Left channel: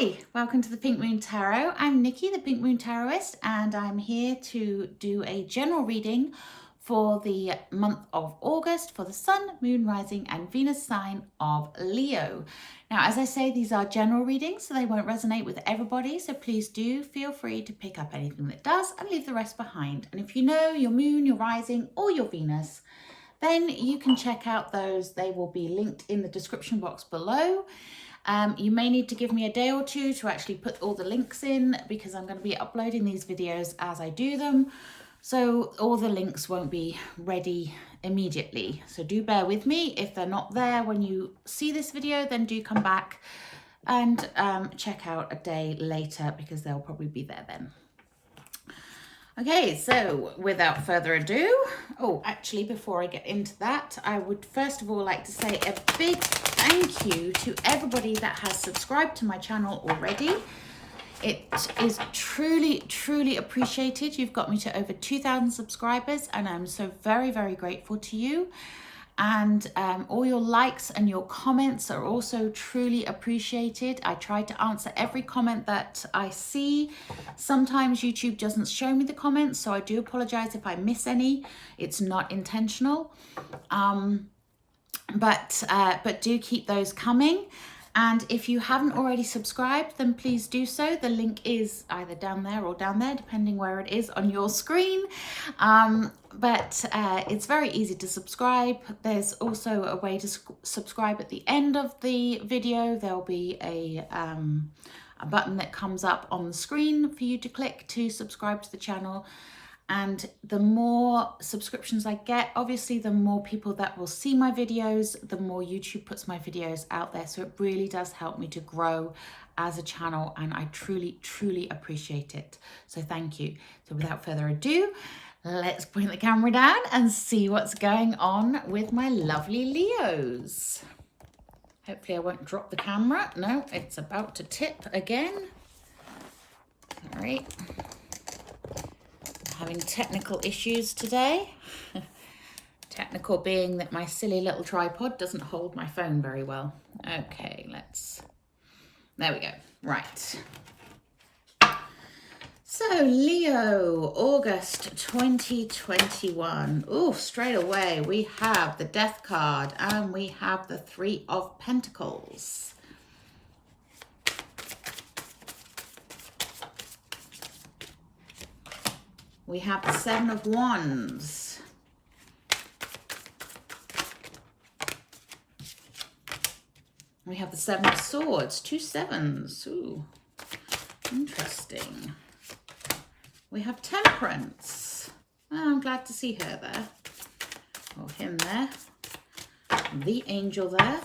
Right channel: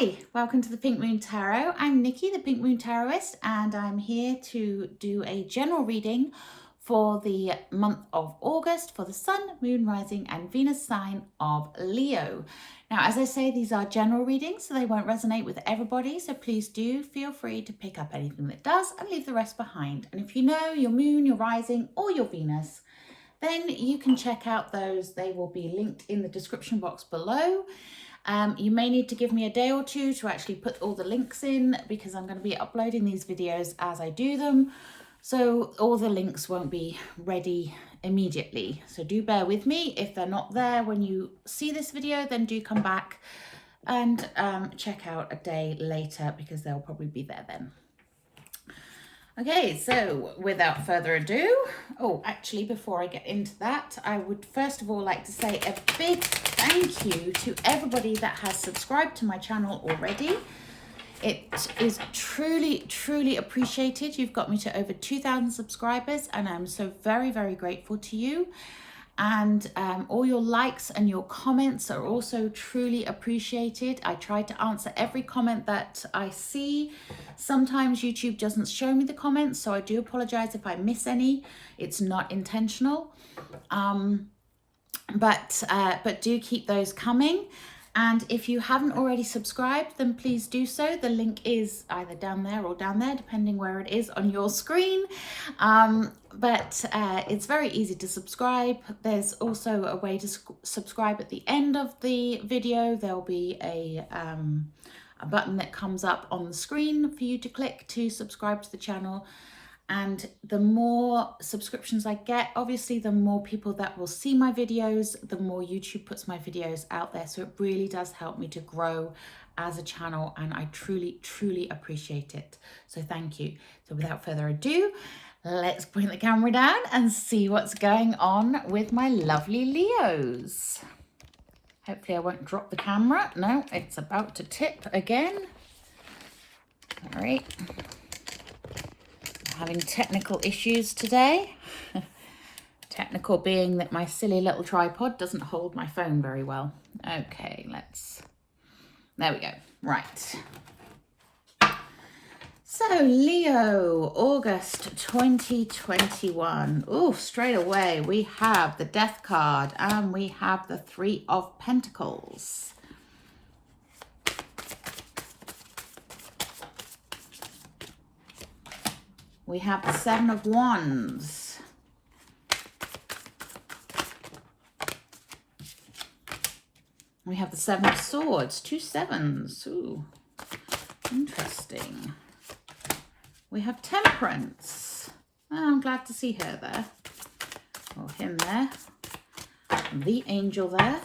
Hi, welcome to the Pink Moon Tarot. I'm Nikki, the Pink Moon Tarotist, and I'm here to do a general reading for the month of August for the Sun, Moon, Rising, and Venus sign of Leo. Now, as I say, these are general readings, so they won't resonate with everybody, so please do feel free to pick up anything that does and leave the rest behind. And if you know your Moon, your Rising, or your Venus, then you can check out those. They will be linked in the description box below. You may need to give me a day or two to actually put all the links in because I'm going to be uploading these videos as I do them. So all the links won't be ready immediately. So do bear with me. If they're not there when you see this video, then do come back and check out a day later because they'll probably be there then. Okay, so without further ado, actually, before I get into that, I would first of all like to say a big thank you to everybody that has subscribed to my channel already. It is truly, truly appreciated. You've got me to over 2,000 subscribers, and I'm so very, very grateful to you. And all your likes and your comments are also truly appreciated. I try to answer every comment that I see. Sometimes YouTube doesn't show me the comments, so I do apologize if I miss any. It's not intentional. But do keep those coming. And if you haven't already subscribed, then please do so. The link is either down there or down there, depending where it is on your screen. But it's very easy to subscribe. There's also a way to subscribe at the end of the video. There'll be a button that comes up on the screen for you to click to subscribe to the channel. And the more subscriptions I get, obviously, the more people that will see my videos, the more YouTube puts my videos out there. So it really does help me to grow as a channel, and I truly, truly appreciate it. So thank you. So without further ado, let's bring the camera down and see what's going on with my lovely Leos. Hopefully I won't drop the camera. No, it's about to tip again. All right. Having technical issues today. Technical being that my silly little tripod doesn't hold my phone very well. Okay, there we go. Right. So Leo, August 2021. Oh, straight away we have the Death card and we have the Three of Pentacles. We have the Seven of Wands. We have the Seven of Swords, two sevens. Ooh, interesting. We have Temperance. Oh, I'm glad to see her there. Or him there. The angel there.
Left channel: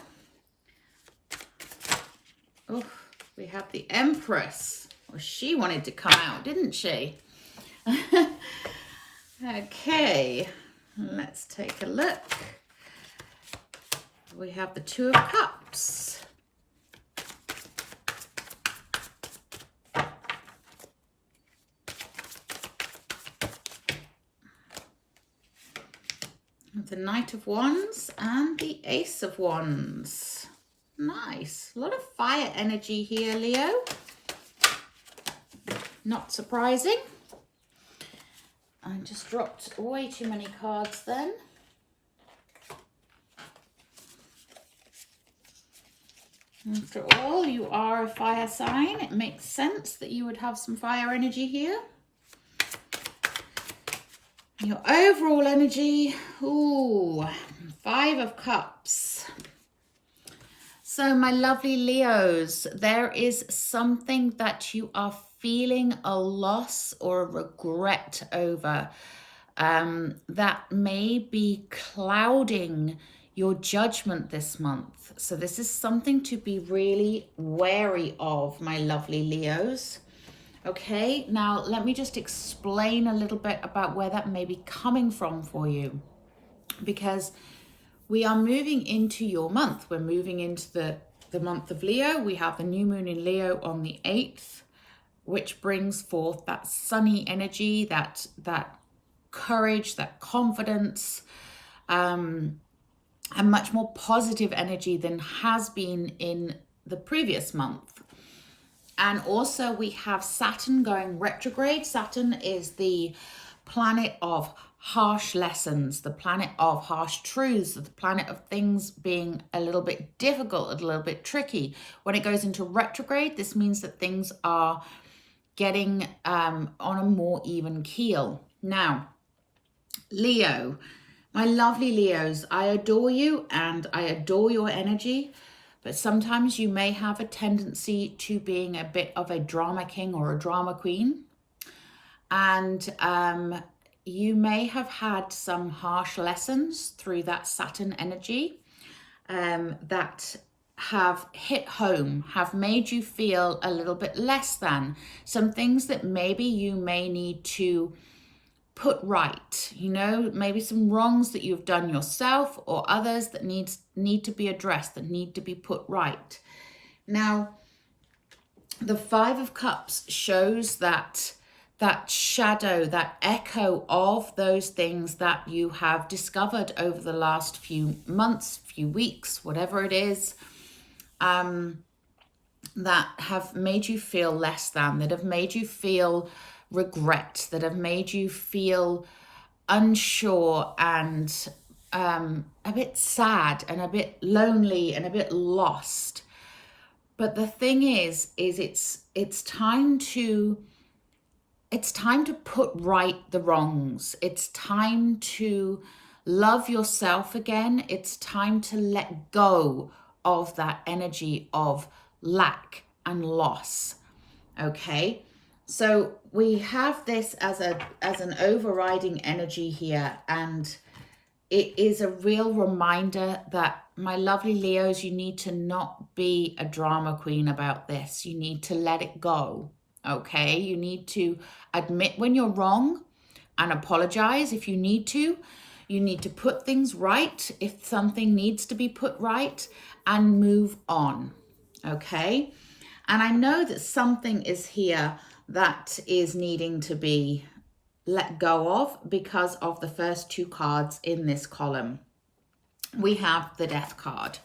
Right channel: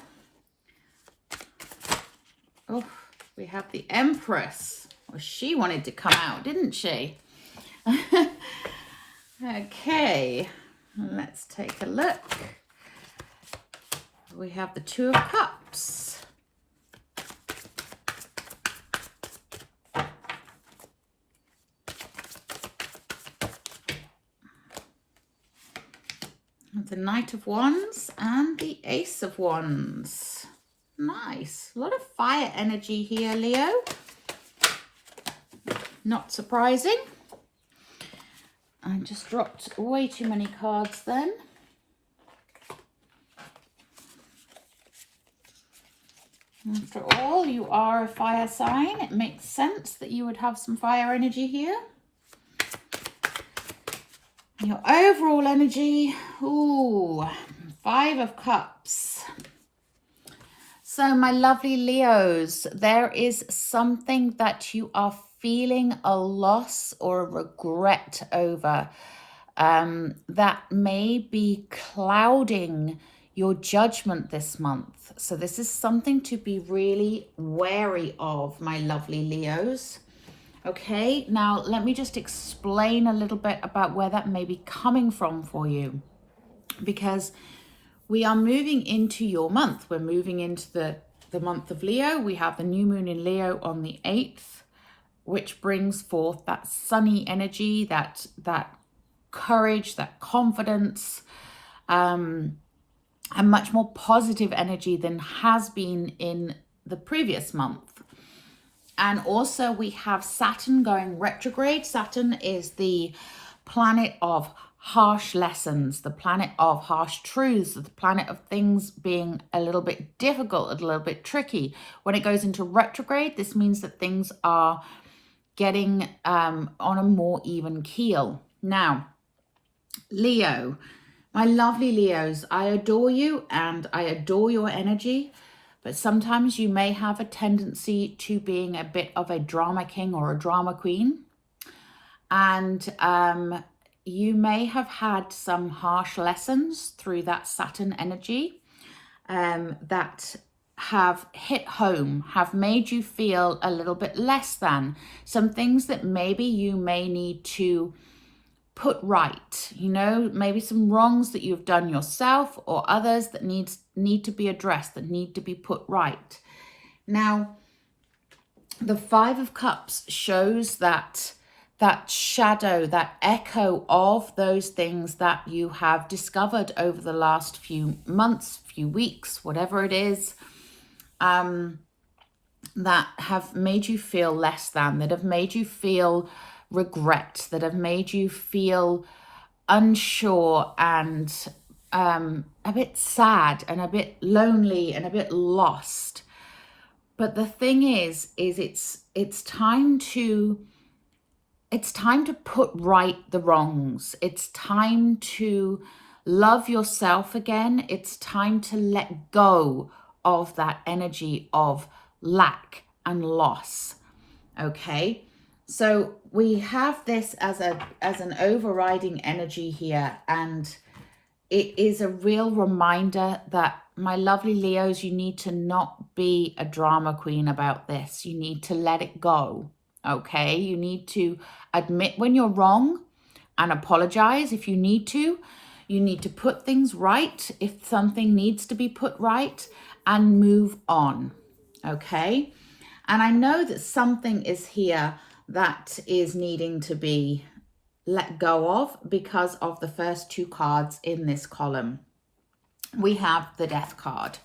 Oh, we have the Empress. Well, she wanted to come out, didn't she? Okay, let's take a look. We have the Two of Cups. The Knight of Wands and the Ace of Wands. Nice. A lot of fire energy here, Leo. Not surprising. I just dropped way too many cards then. After all, you are a fire sign. It makes sense that you would have some fire energy here. Your overall energy, ooh, Five of Cups. So my lovely Leos, there is something that you are feeling a loss or a regret over that may be clouding your judgment this month. So this is something to be really wary of, my lovely Leos. Okay, now let me just explain a little bit about where that may be coming from for you, because we are moving into your month. We're moving into the month of Leo. We have the new moon in Leo on the 8th, which brings forth that sunny energy, that courage, that confidence, and much more positive energy than has been in the previous month. And also we have Saturn going retrograde. Saturn is the planet of harsh lessons, the planet of harsh truths, the planet of things being a little bit difficult, a little bit tricky. When it goes into retrograde, this means that things are getting on a more even keel. Now, Leo, my lovely Leos, I adore you and I adore your energy, but sometimes you may have a tendency to being a bit of a drama king or a drama queen. And you may have had some harsh lessons through that Saturn energy that have hit home, have made you feel a little bit less than. Some things that maybe you may need to put right, you know, maybe some wrongs that you've done yourself or others that need to be addressed, that need to be put right. Now, the Five of Cups shows that shadow, that echo of those things that you have discovered over the last few months, few weeks, whatever it is, that have made you feel less than, that have made you feel regret, that have made you feel unsure and a bit sad and a bit lonely and a bit lost. But the thing is it's time to put right the wrongs. It's time to love yourself again. It's time to let go of that energy of lack and loss. Okay, so we have this as an overriding energy here, and it is a real reminder that, my lovely Leos, you need to not be a drama queen about this. You need to let it go. Okay, you need to admit when you're wrong and apologize if you need to. You need to put things right if something needs to be put right, and move on. Okay, and I know that something is here that is needing to be let go of because of the first two cards in this column. We have the Death card.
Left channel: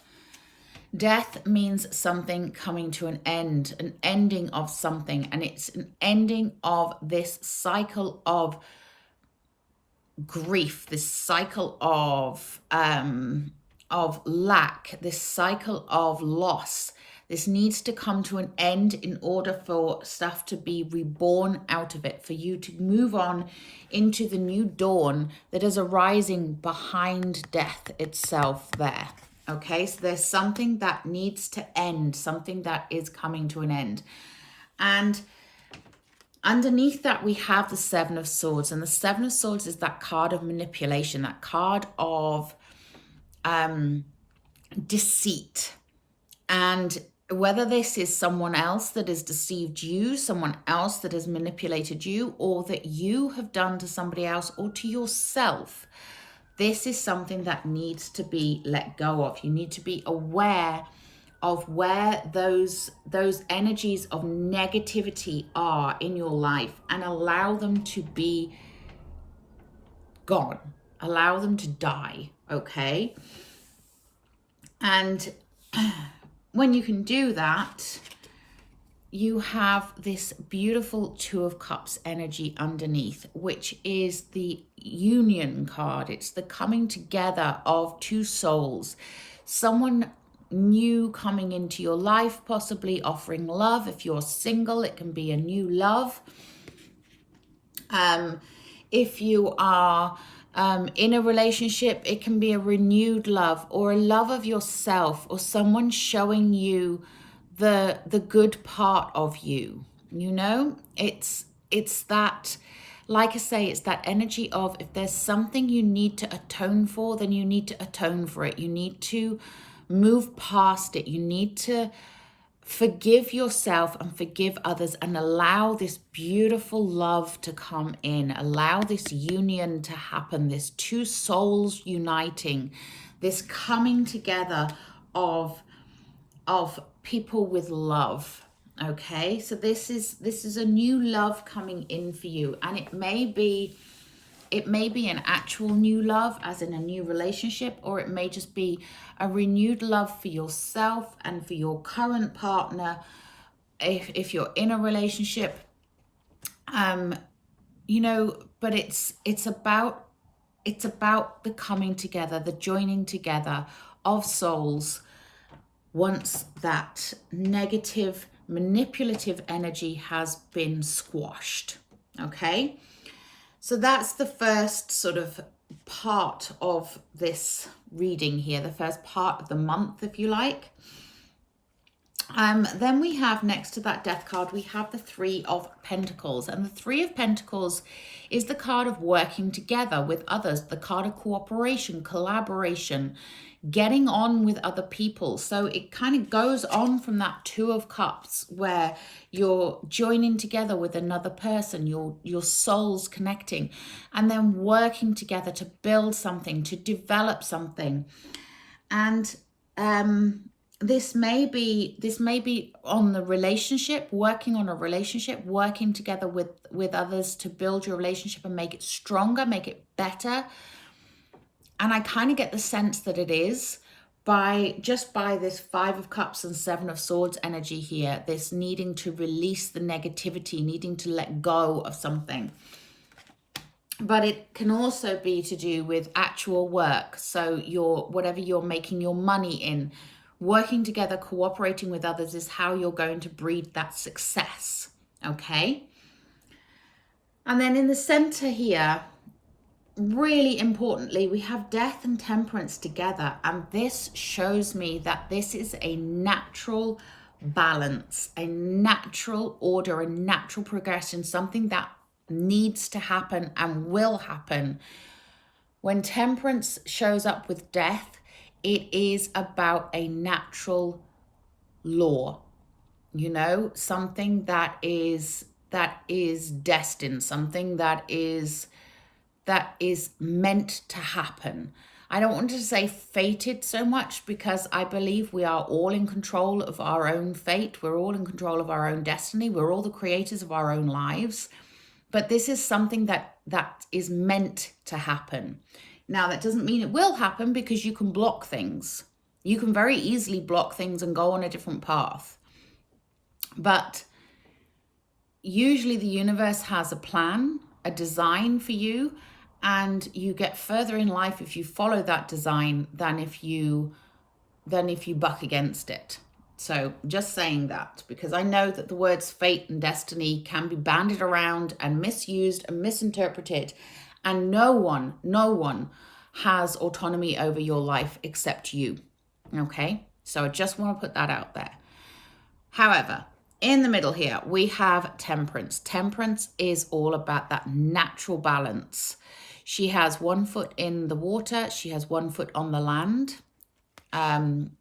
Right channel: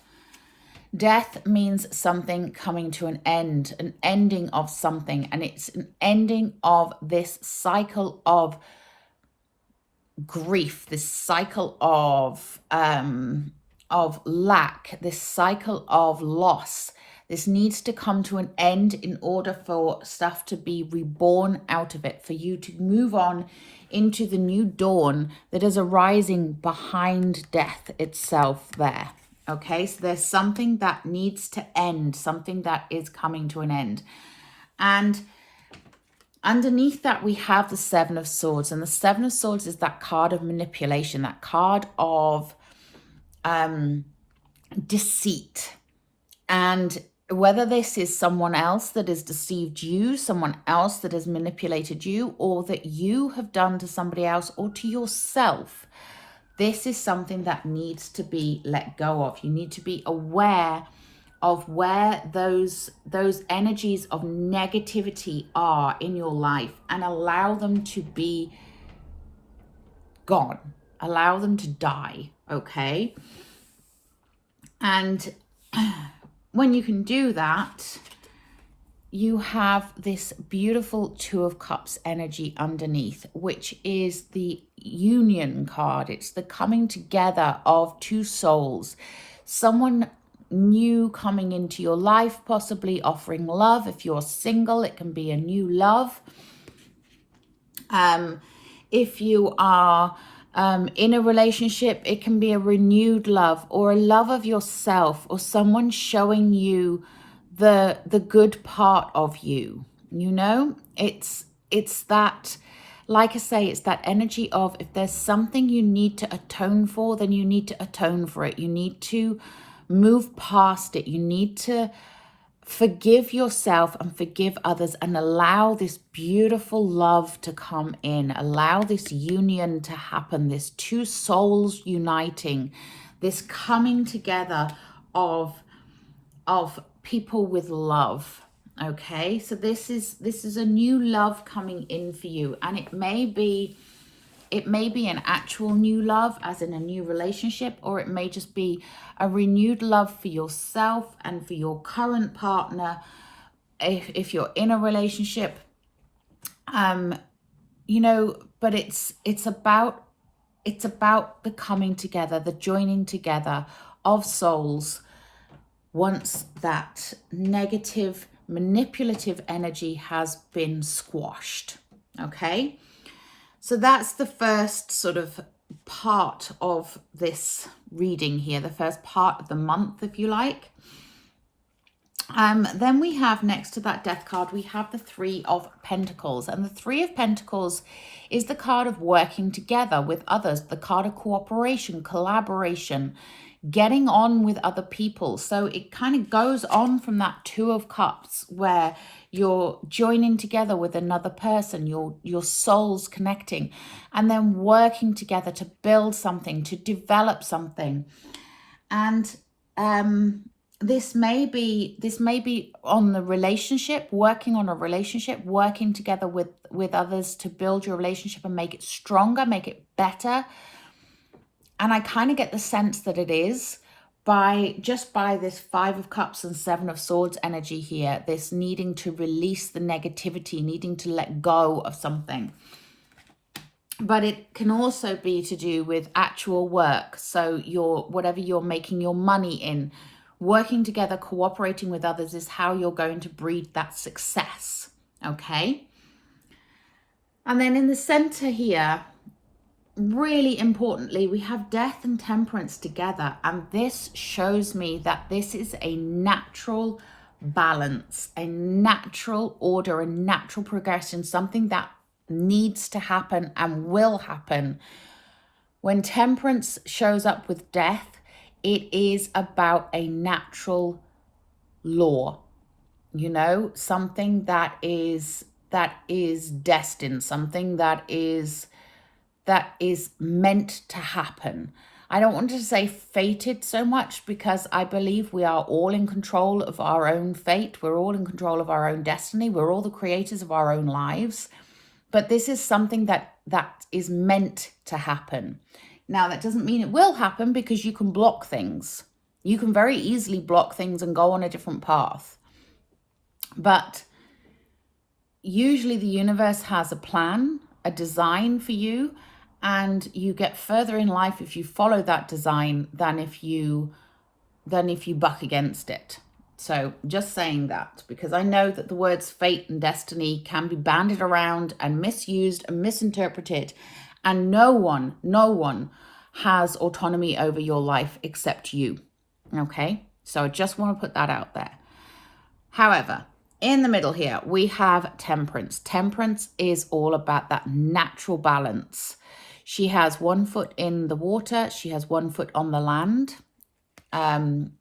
Death means something coming to an end, an ending of something, and it's an ending of this cycle of grief, this cycle of lack, this cycle of loss. This needs to come to an end in order for stuff to be reborn out of it, for you to move on into the new dawn that is arising behind death itself there. Okay, so there's something that needs to end, something that is coming to an end. And underneath that, we have the Seven of Swords. And the Seven of Swords is that card of manipulation, that card of deceit. And whether this is someone else that has deceived you, someone else that has manipulated you, or that you have done to somebody else or to yourself, this is something that needs to be let go of. You need to be aware of where those energies of negativity are in your life, and allow them to be gone. Allow them to die, okay? And when you can do that, you have this beautiful Two of Cups energy underneath, which is the union card. It's the coming together of two souls. Someone new coming into your life, possibly offering love. If you're single, it can be a new love. If you are in a relationship, it can be a renewed love, or a love of yourself, or someone showing you the good part of you. You know, it's that, like I say, it's that energy of, if there's something you need to atone for, then you need to atone for it. You need to move past it. You need to forgive yourself and forgive others, and allow this beautiful love to come in. Allow this union to happen, this two souls uniting, this coming together of people with love. Okay, so this is a new love coming in for you, and it may be an actual new love, as in a new relationship, or it may just be a renewed love for yourself and for your current partner, if you're in a relationship, you know, but it's about the coming together, the joining together of souls once that negative manipulative energy has been squashed. Okay, so that's the first sort of part of this reading here, the first part of the month, if you like. Then we have, next to that death card, we have the Three of Pentacles. And the Three of Pentacles is the card of working together with others, the card of cooperation, collaboration, getting on with other people. So it kind of goes on from that Two of Cups, where you're joining together with another person, your souls connecting, and then working together to build something, to develop something. And this may be on the relationship, working on a relationship, working together with others to build your relationship and make it stronger, make it better. And I kind of get the sense that it is by this Five of Cups and Seven of Swords energy here, this needing to release the negativity, needing to let go of something. But it can also be to do with actual work. So whatever you're making your money in, working together, cooperating with others is how you're going to breed that success. Okay. And then in the center here, really importantly, we have Death and Temperance together. And this shows me that this is a natural balance, a natural order, a natural progression, something that needs to happen and will happen. When Temperance shows up with Death, it is about a natural law, you know, something that is destined, something that is meant to happen. I don't want to say fated so much, because I believe we are all in control of our own fate. We're all in control of our own destiny. We're all the creators of our own lives. But this is something that is meant to happen. Now, that doesn't mean it will happen, because you can block things. You can very easily block things and go on a different path. But usually the universe has a plan, a design for you, and you get further in life if you follow that design than if you buck against it. So just saying that, because I know that the words fate and destiny can be bandied around and misused and misinterpreted, and no one has autonomy over your life except you. Okay, so I just want to put that out there. However, in the middle here, we have Temperance. Temperance is all about that natural balance. She has 1 foot in the water. She has 1 foot on the land. And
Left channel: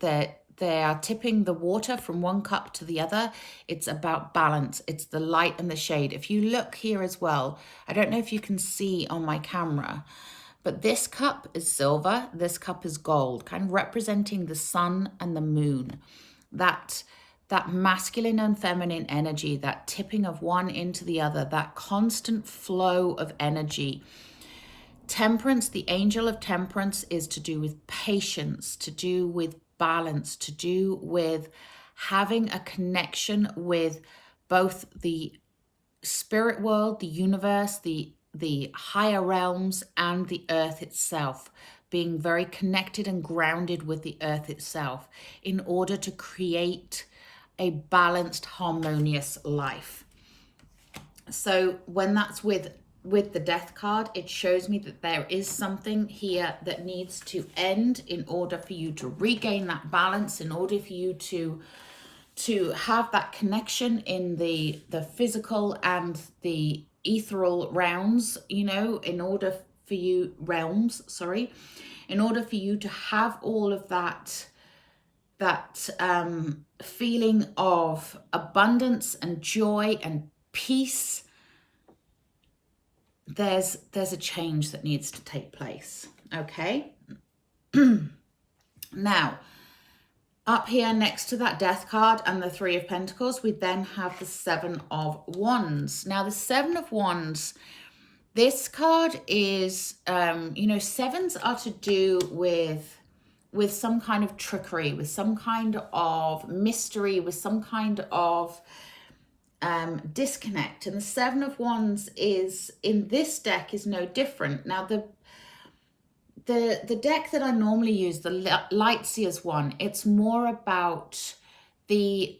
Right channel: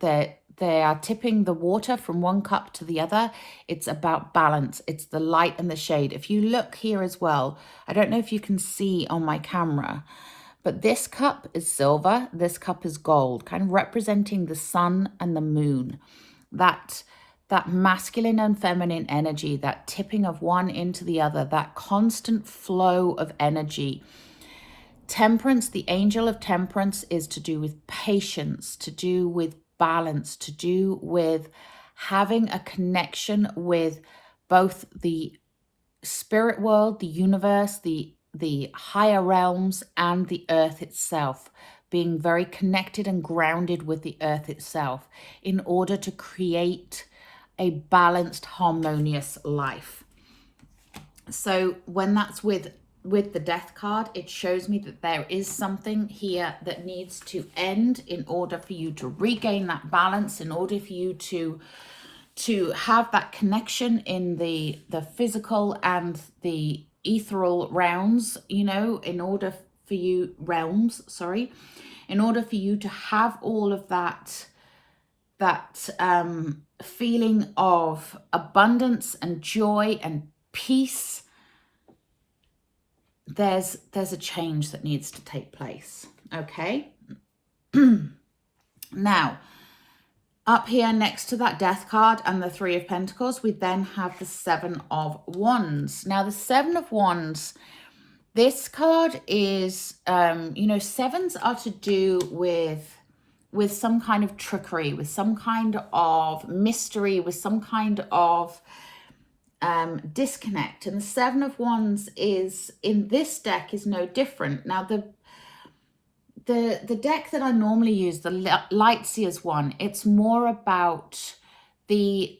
they are tipping the water from one cup to the other. It's about balance. It's the light and the shade. If you look here as well, I don't know if you can see on my camera, but this cup is silver. This cup is gold, kind of representing the sun and the moon. That masculine and feminine energy, that tipping of one into the other, that constant flow of energy. Temperance, the angel of Temperance, is to do with patience, to do with balance, to do with having a connection with both the spirit world, the universe, the higher realms, and the earth itself, being very connected and grounded with the earth itself in order to create a balanced, harmonious life. So when that's with the Death card, it shows me that there is something here that needs to end in order for you to regain that balance, in order for you to have that connection in the physical and the ethereal realms, you know, in order for you to have all of that feeling of abundance and joy and peace. There's a change that needs to take place. Okay. Now, up here next to that Death card and the Three of Pentacles, we then have the Seven of Wands. Now, the Seven of Wands, this card is, you know, sevens are to do with some kind of trickery, with some kind of mystery, with some kind of disconnect. And the Seven of Wands is, in this deck, is no different. Now, the deck that I normally use, the Lightseers one, it's more about the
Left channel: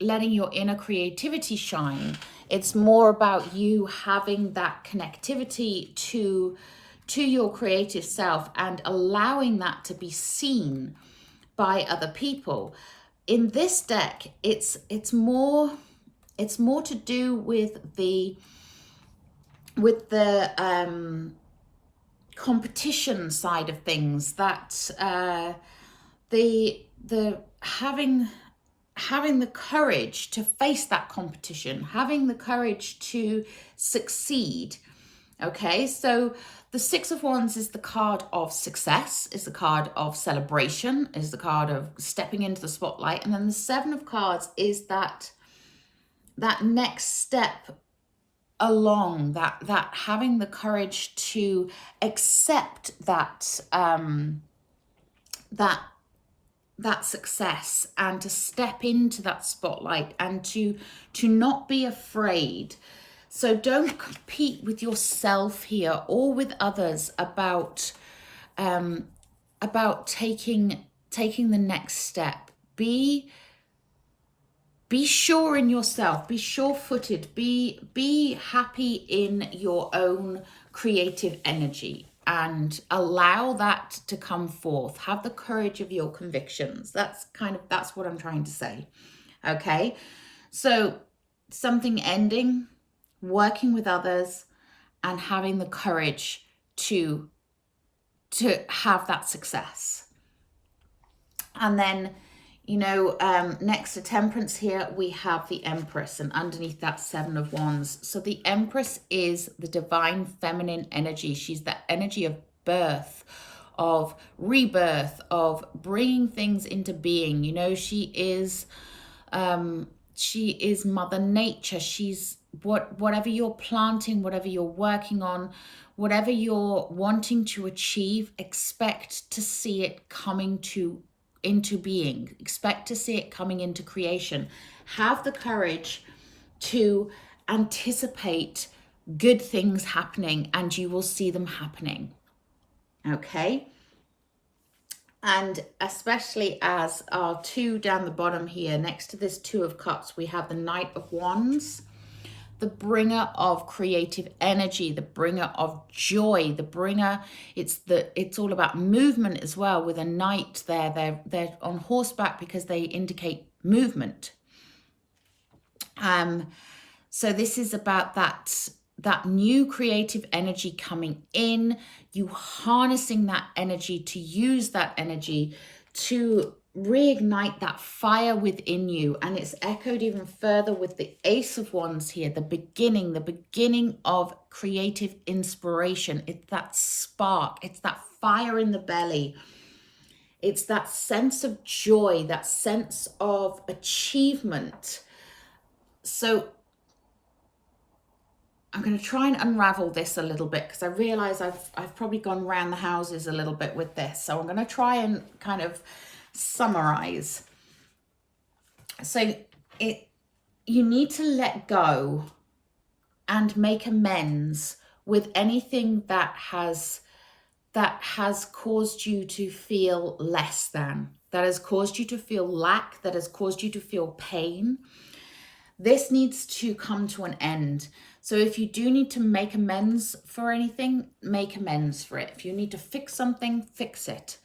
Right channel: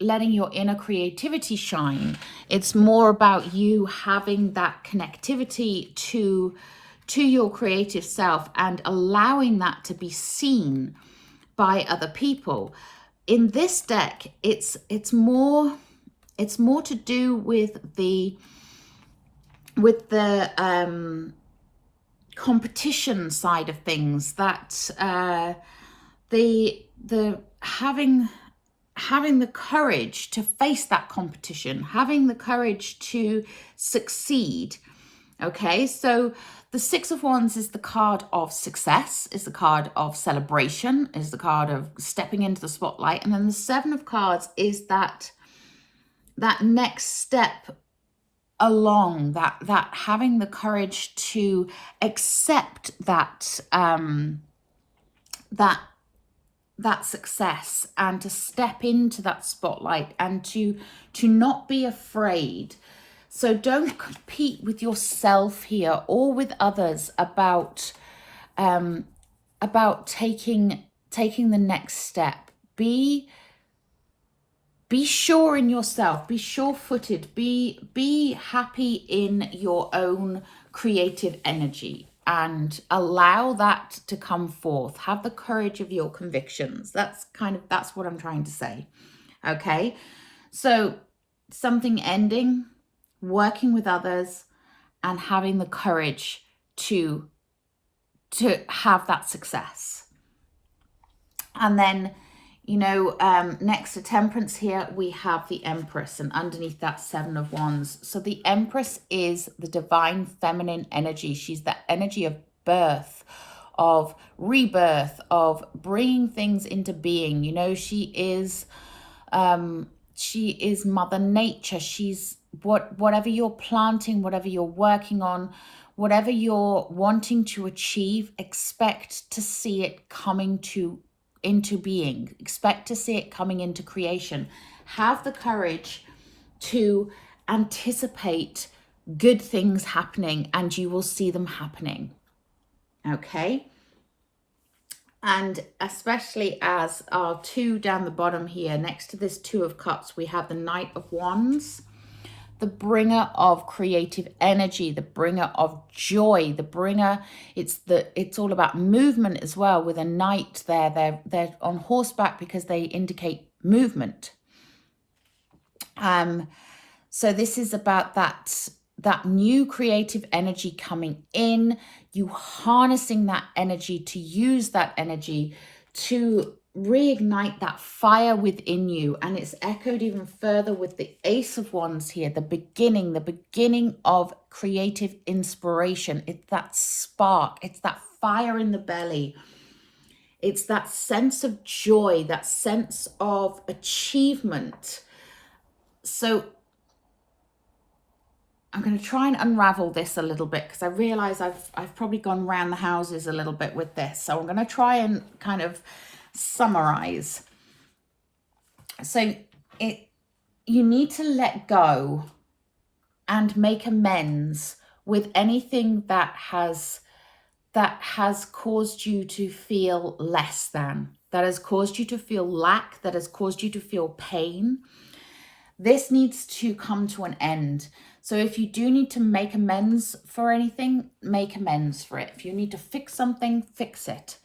letting your inner creativity shine. It's more about you having that connectivity to your creative self and allowing that to be seen by other people. In this deck, it's more to do with the competition side of things, that the having the courage to face that competition, having the courage to succeed. Okay, so the Six of Wands is the card of success, is the card of celebration, is the card of stepping into the spotlight. And then the Seven of Cards is that next step along, that having the courage to accept that that success, and to step into that spotlight, and to not be afraid. So don't compete with yourself here or with others about taking the next step. Be sure in yourself, be sure-footed, be happy in your own creative energy, and allow that to come forth. Have the courage of your convictions. That's what I'm trying to say. Okay, so something ending, working with others, and having the courage to have that success. And then, next to Temperance here, we have the Empress, and underneath that, Seven of Wands. So the Empress is the divine feminine energy. She's that energy of birth, of rebirth, of bringing things into being. She is Mother Nature. She's whatever you're planting, whatever you're working on, whatever you're wanting to achieve, expect to see it coming into being. Expect to see it coming into creation. Have the courage to anticipate good things happening, and you will see them happening. Okay? And especially as our two down the bottom here, next to this Two of Cups, we have the Knight of Wands, the bringer of creative energy, the bringer of joy, the bringer. It's all about movement as well. With a knight there, they're on horseback because they indicate movement. So this is about that new creative energy coming in, you harnessing that energy, to use that energy to reignite that fire within you. And it's echoed even further with the Ace of Wands here, the beginning of creative inspiration. It's that spark, it's that fire in the belly, it's that sense of joy, that sense of achievement. So I'm going to try and unravel this a little bit, because I realize I've probably gone around the houses a little bit with this. So I'm going to try and kind of summarize. So you need to let go and make amends with anything that has caused you to feel less than, that has caused you to feel lack, that has caused you to feel pain. This needs to come to an end. So if you do need to make amends for anything, make amends for it. If you need to fix something, fix it.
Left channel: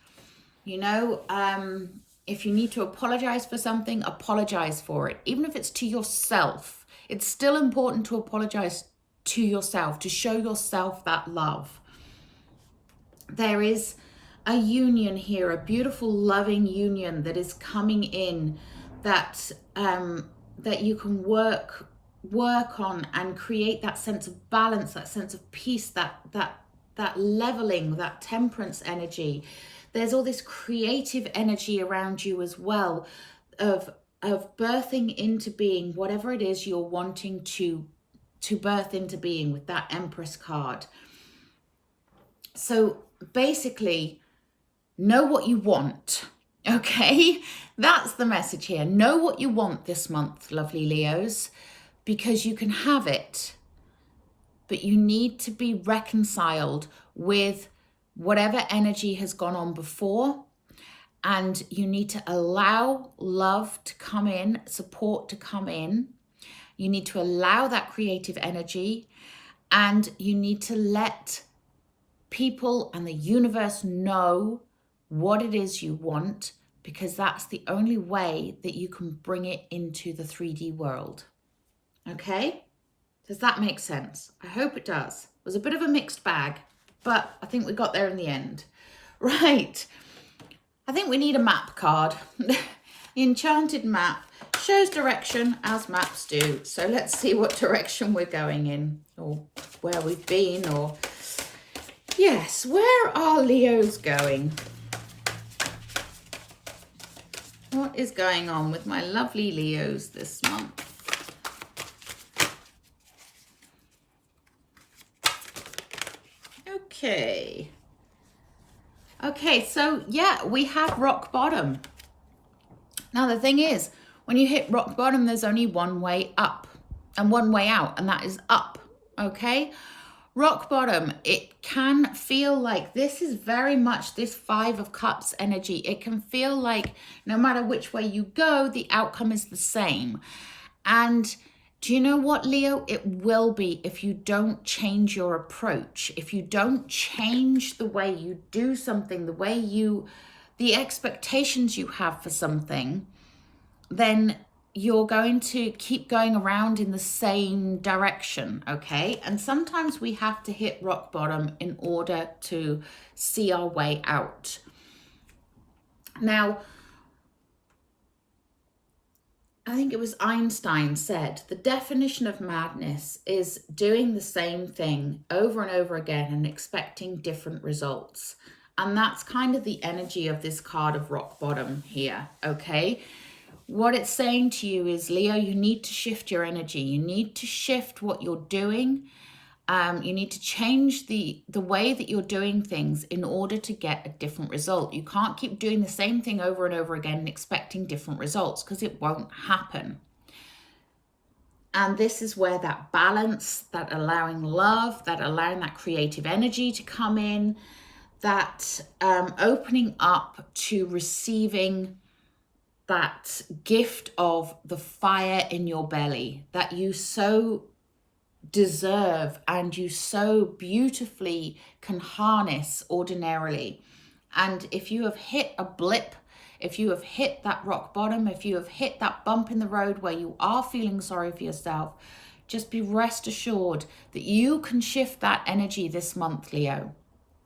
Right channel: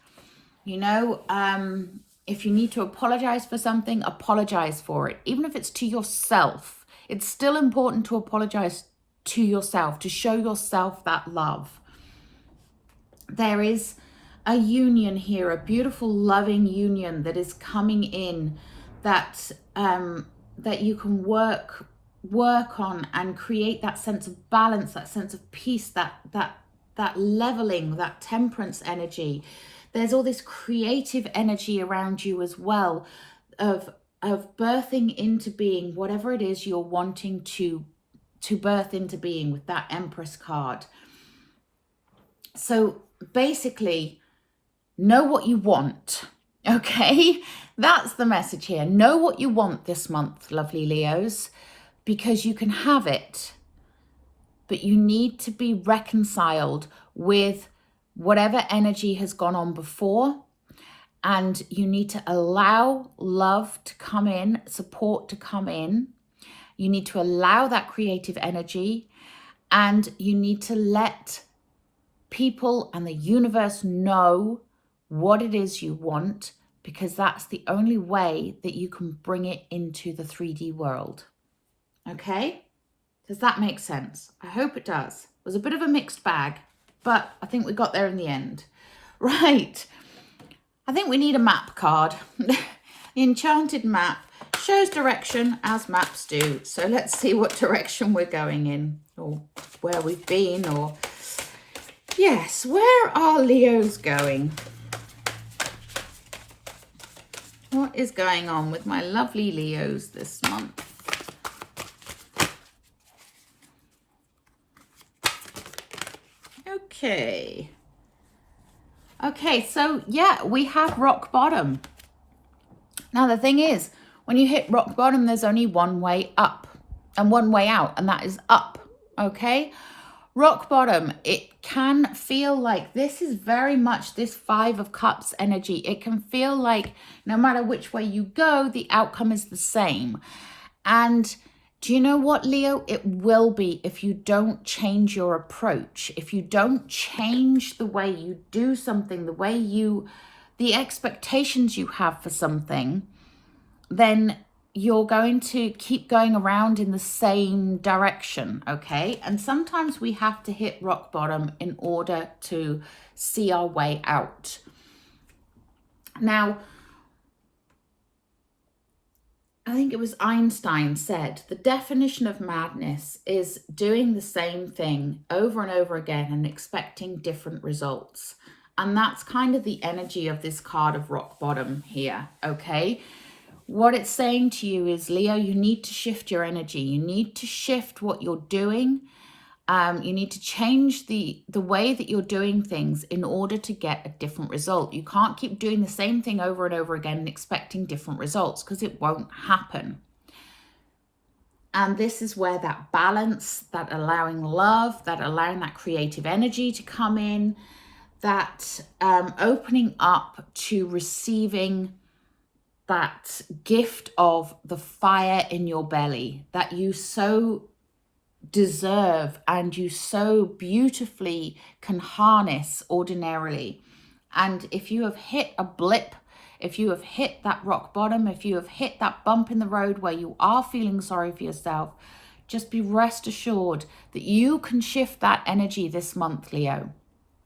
If you need to apologize for something, apologize for it. Even if it's to yourself, it's still important to apologize to yourself, to show yourself that love. There is a union here, a beautiful, loving union that is coming in, that you can work on and create that sense of balance, that sense of peace, that leveling, that temperance energy. There's all this creative energy around you as well, of birthing into being whatever it is you're wanting to birth into being, with that Empress card. So basically, know what you want. Okay, that's the message here. Know what you want this month, lovely Leos, because you can have it, but you need to be reconciled with whatever energy has gone on before, and you need to allow love to come in, support to come in. You need to allow that creative energy, and you need to let people and the universe know what it is you want, because that's the only way that you can bring it into the 3D world. Okay? Does that make sense? I hope it does. It was a bit of a mixed bag, but I think we got there in the end. Right. I think we need a map card. The enchanted map shows direction as maps do. So let's see what direction we're going in, or where we've been, or yes, where are Leos going? What is going on with my lovely Leos this month? Okay. Okay, so yeah, we have rock bottom. Now the thing is, when you hit rock bottom, there's only one way up and one way out, and that is up. Okay? Rock bottom, it can feel like this is very much this 5 of Cups energy. It can feel like no matter which way you go, the outcome is the same. And do you know what, Leo? It will be if you don't change your approach. If you don't change the way you do something, the expectations you have for something, then you're going to keep going around in the same direction, okay? And sometimes we have to hit rock bottom in order to see our way out. Now, I think it was Einstein said, the definition of madness is doing the same thing over and over again and expecting different results. And that's kind of the energy of this card of rock bottom here, okay? What it's saying to you is, Leo, you need to shift your energy. You need to shift what you're doing. You need to change the way that you're doing things in order to get a different result. You can't keep doing the same thing over and over again and expecting different results, because it won't happen. And this is where that balance, that allowing love, that allowing that creative energy to come in, that opening up to receiving that gift of the fire in your belly that you so deserve and you so beautifully can harness ordinarily. And if you have hit a blip, if you have hit that rock bottom, if you have hit that bump in the road where you are feeling sorry for yourself, just be rest assured that you can shift that energy this month, Leo.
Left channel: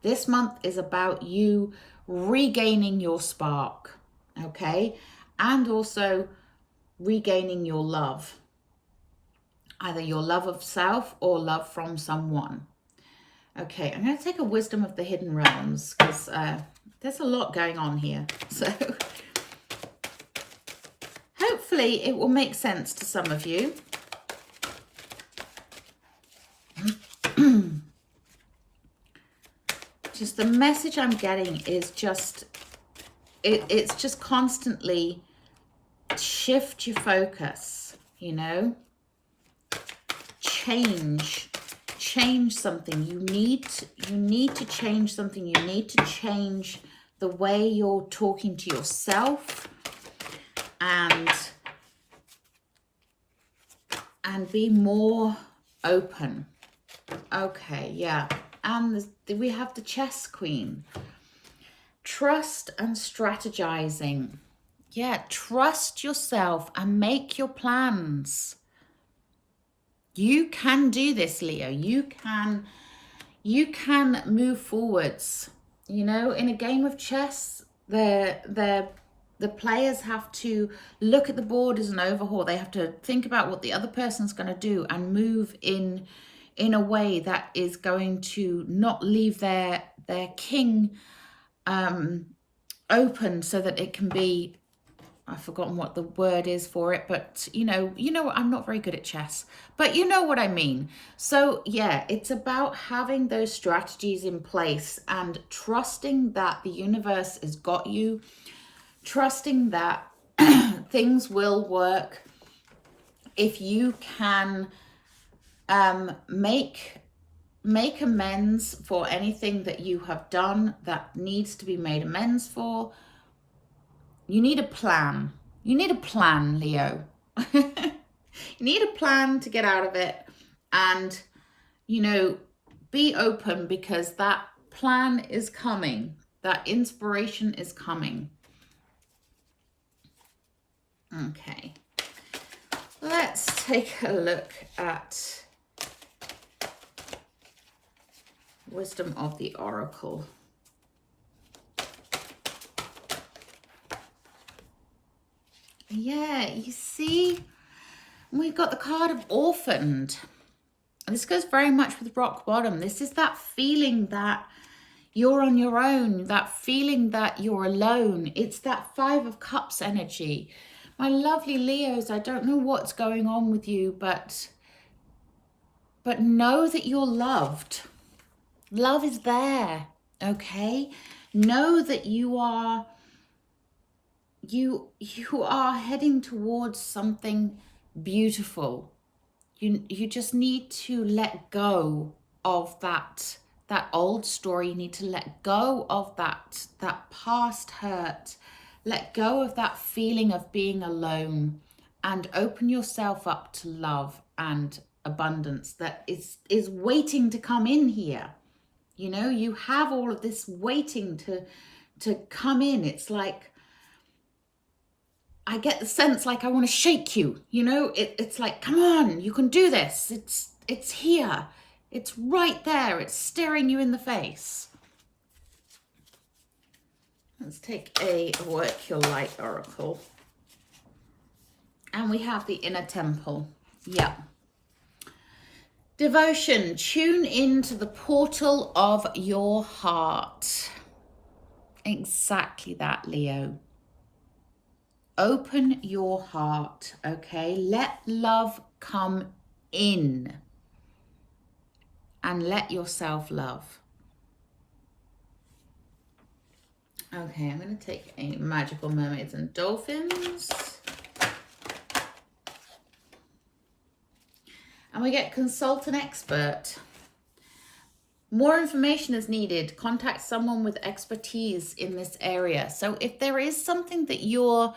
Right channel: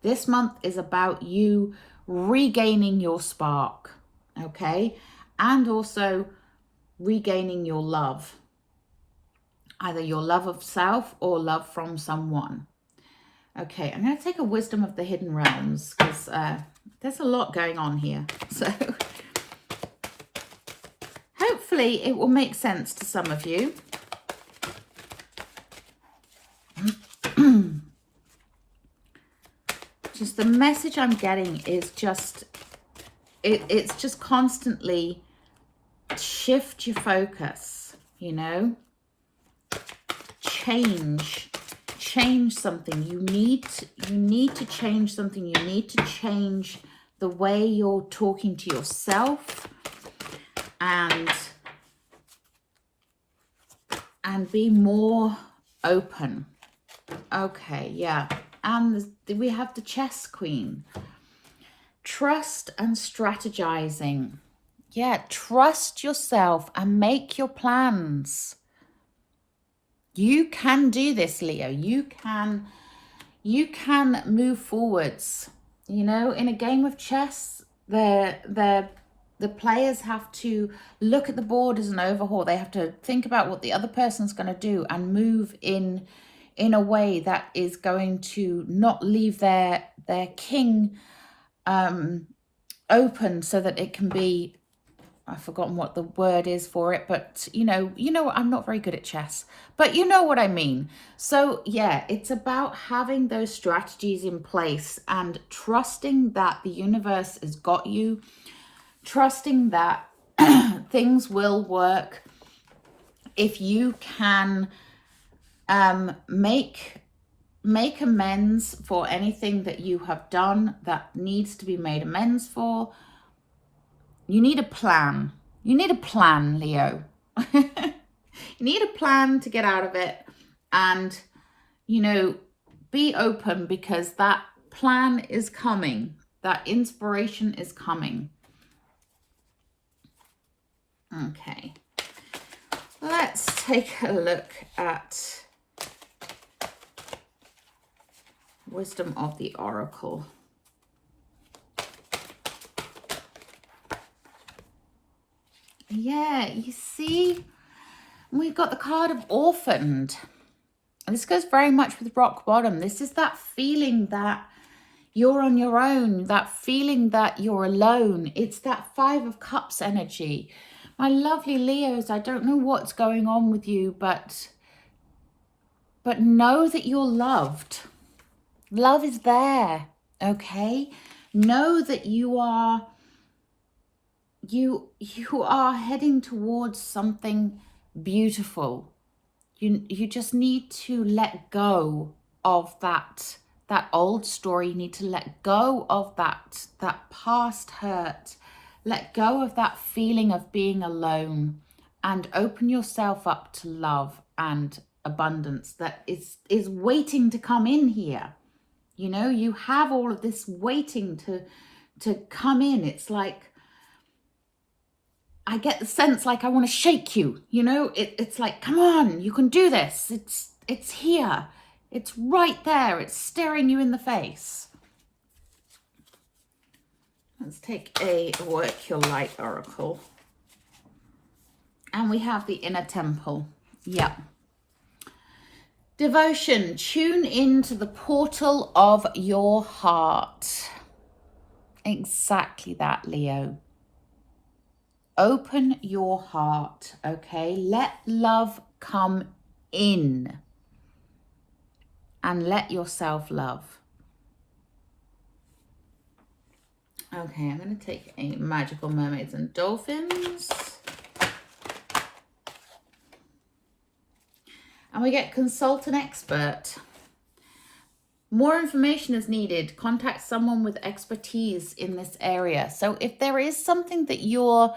This month is about you regaining your spark, okay? And also regaining your love, either your love of self or love from someone. Okay, I'm going to take a wisdom of the hidden realms, because there's a lot going on here. So hopefully it will make sense to some of you. Just the message I'm getting is just, it's just constantly shift your focus, you know, change something. You need to change something. You need to change the way you're talking to yourself and be more open. Okay, yeah. And we have the chess queen. Trust and strategizing. Yeah, trust yourself and make your plans. You can do this, Leo. You can move forwards. You know, in a game of chess, the players have to look at the board as an overhaul. They have to think about what the other person's going to do and move in a way that is going to not leave their king open so that it can be I've forgotten what the word is for it, but you know, I'm not very good at chess, but you know what I mean. So yeah, it's about having those strategies in place and trusting that the universe has got you, trusting that things will work if you can make amends for anything that you have done that needs to be made amends for. You need a plan. You need a plan, Leo. You need a plan to get out of it, and, you know, be open, because that plan is coming. That inspiration is coming. Okay. Let's take a look at Wisdom of the Oracle. Yeah, you see, we've got the card of Orphaned. This goes very much with rock bottom. This is that feeling that you're on your own, that feeling that you're alone. It's that Five of Cups energy. My lovely Leos, I don't know what's going on with you, but know that you're loved. Love is there, okay? Know that you are heading towards something beautiful. You just need to let go of that old story. You need to let go of that past hurt. Let go of that feeling of being alone, and open yourself up to love and abundance that is waiting to come in here. You know, you have all of this waiting to come in. It's like, I get the sense like I want to shake you, you know, it's like, come on, you can do this. It's here. It's right there. It's staring you in the face. Let's take a Work Your Light Oracle. And we have the Inner Temple. Yeah. Devotion. Tune into the portal of your heart. Exactly that, Leo. Open your heart, okay? Let love come in, and let yourself love. Okay, I'm going to take a Magical Mermaids and Dolphins. And we get Consult an Expert. More information is needed. Contact someone with expertise in this area. So if there is something that you're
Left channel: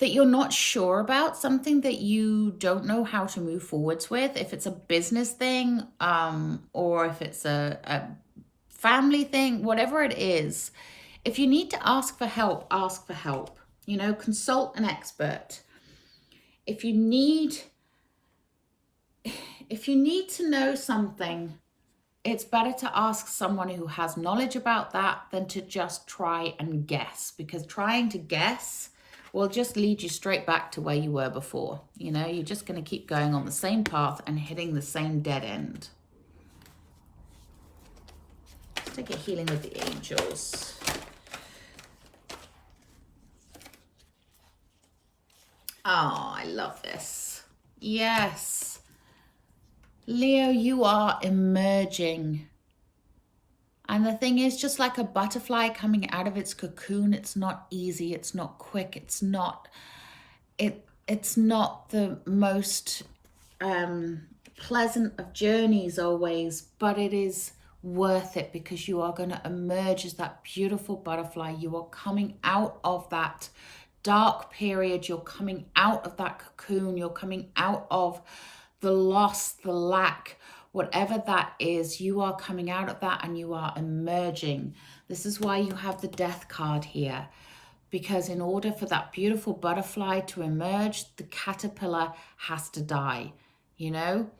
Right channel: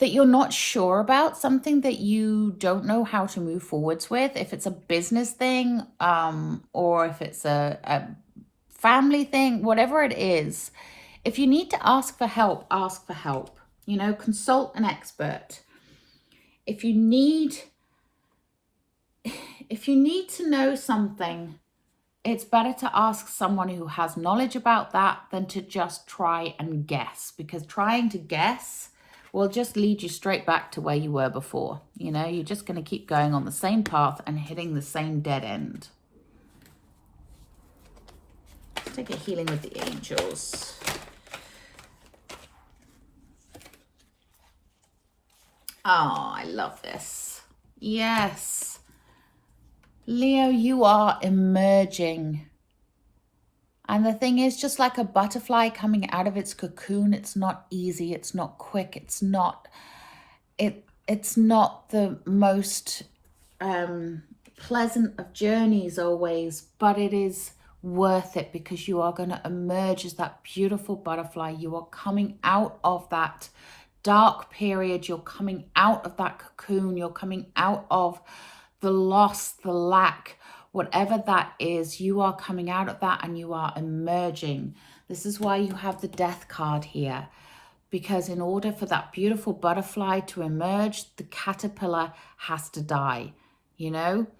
not sure about, something that you don't know how to move forwards with, if it's a business thing, or if it's a family thing, whatever it is, if you need to ask for help, ask for help. You know, consult an expert. If you need to know something, it's better to ask someone who has knowledge about that than to just try and guess, because trying to guess will just lead you straight back to where you were before. You know, you're just going to keep going on the same path and hitting the same dead end. Take a Healing with the Angels. Oh, I love this. Yes. Leo, you are emerging. And the thing is, just like a butterfly coming out of its cocoon, it's not easy, it's not quick, it's not the most pleasant of journeys always, but it is worth it, because you are going to emerge as that beautiful butterfly. You are coming out of that dark period, you're coming out of that cocoon, you're coming out of the loss, the lack, whatever that is. You are coming out of that and you are emerging. This is why you have the Death card here, because in order for that beautiful butterfly to emerge, the caterpillar has to die, you know?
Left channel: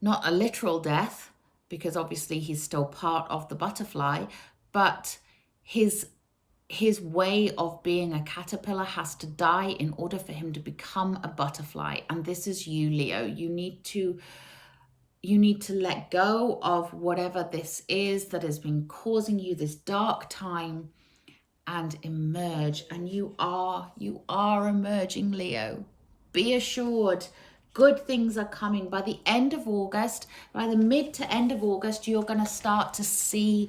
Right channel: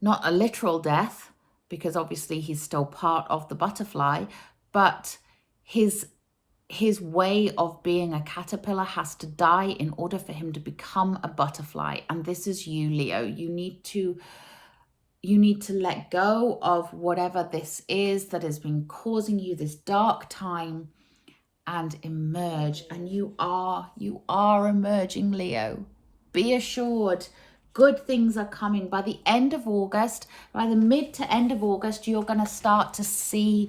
Not a literal death, because obviously he's still part of the butterfly, but his way of being a caterpillar has to die in order for him to become a butterfly. And this is you, Leo. You need to let go of whatever this is that has been causing you this dark time, and emerge. And you are emerging, Leo. Be assured, good things are coming. By the end of August, by the mid to end of August, you're going to start to see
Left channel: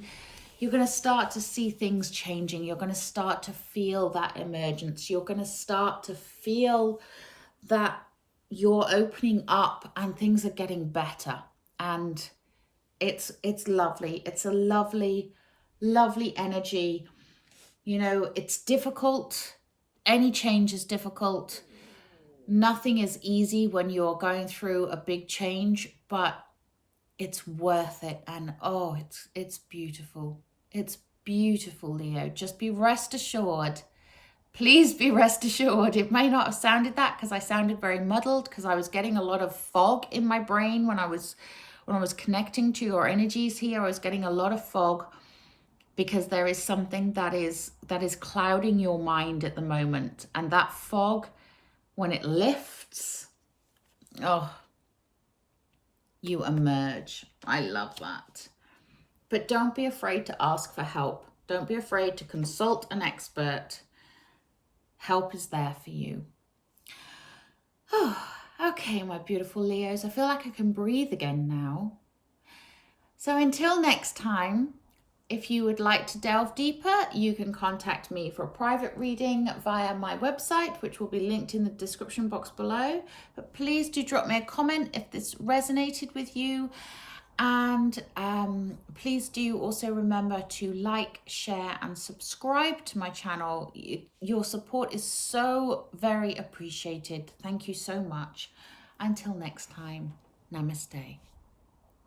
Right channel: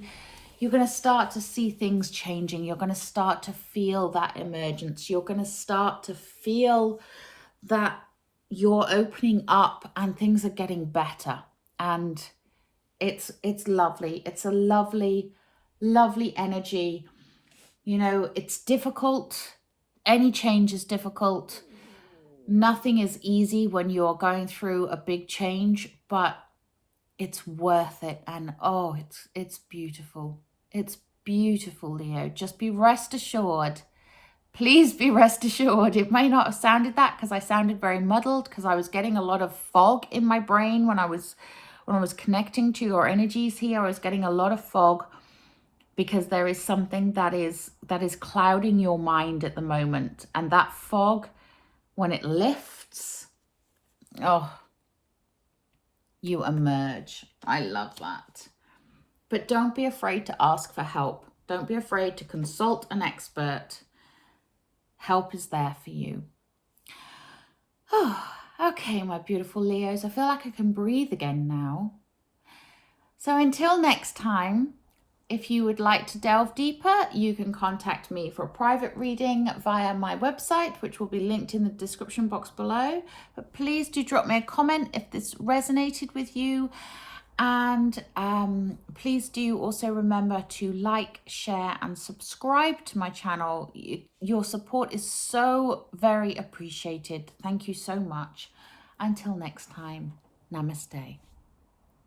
things changing. You're going to start to feel that emergence. You're going to start to feel that you're opening up and things are getting better. And it's lovely. It's a lovely, lovely energy. You know, it's difficult. Any change is difficult. Nothing is easy when you're going through a big change, but it's worth it. And oh, it's beautiful. It's beautiful, Leo. Just be rest assured. Please be rest assured. It may not have sounded that because I sounded very muddled because I was getting a lot of fog in my brain when I was connecting to your energies here. I was getting a lot of fog because there is something that is clouding your mind at the moment. And that fog, when it lifts, oh, you emerge. I love that. But don't be afraid to ask for help. Don't be afraid to consult an expert. Help is there for you. Oh, okay, my beautiful Leos. I feel like I can breathe again now. So until next time, if you would like to delve deeper, you can contact me for a private reading via my website, which will be linked in the description box below. But please do drop me a comment if this resonated with you. And please do also remember to like, share and subscribe to my channel. Your support is so very appreciated. Thank you so much. Until next time, namaste.